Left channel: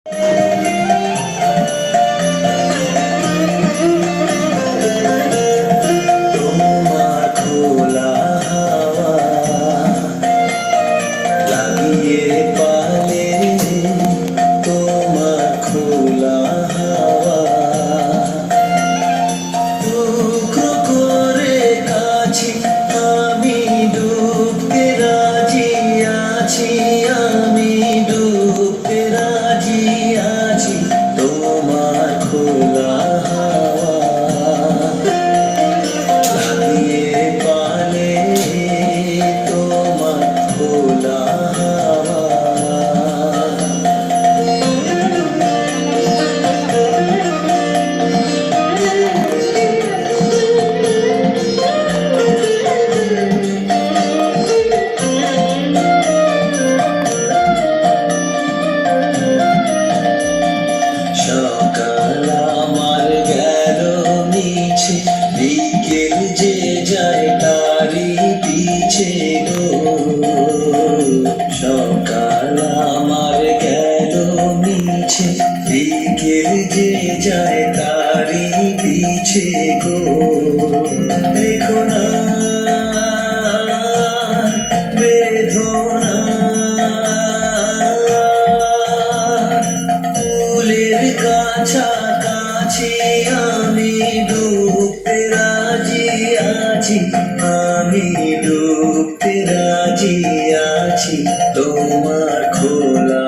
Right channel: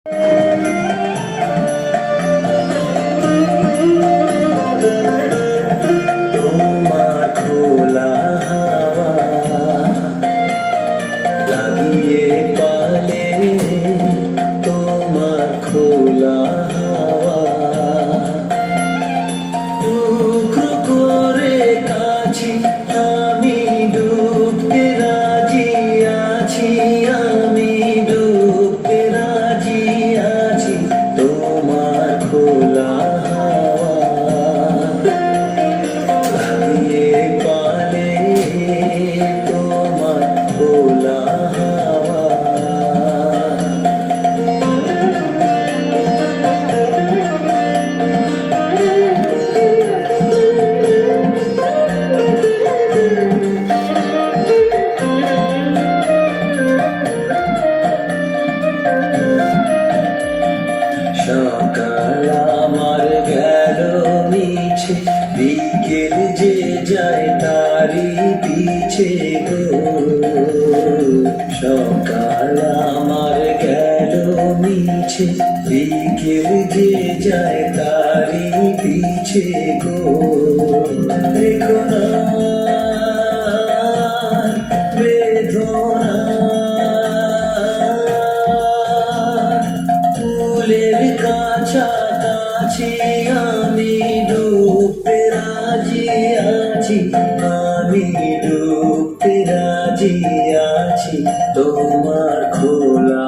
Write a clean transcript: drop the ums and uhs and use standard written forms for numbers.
তোমার খোলা হাওয়া লাগিয়ে পালে, তোমার খোলা হাওয়া টুকরো করে কাছি, আমি ডুবতে রাজি আছি, আমি ডুবতে রাজি আছি। তোমার খোলা হাওয়া লাগিয়ে পালে, তোমার খোলা হাওয়া। সকাল আমার গেল মিছে, বিকেল যে যায় তারি পিছে গো। সকাল আমার গেল মিছে, বিকেল যে যায় তারি পিছে গো। দেখো না বেদনা, ফুলের কাছাকাছি আমি ডুবতে রাজি আছি, আমি ডুবতে রাজি আছি। তোমার খোলা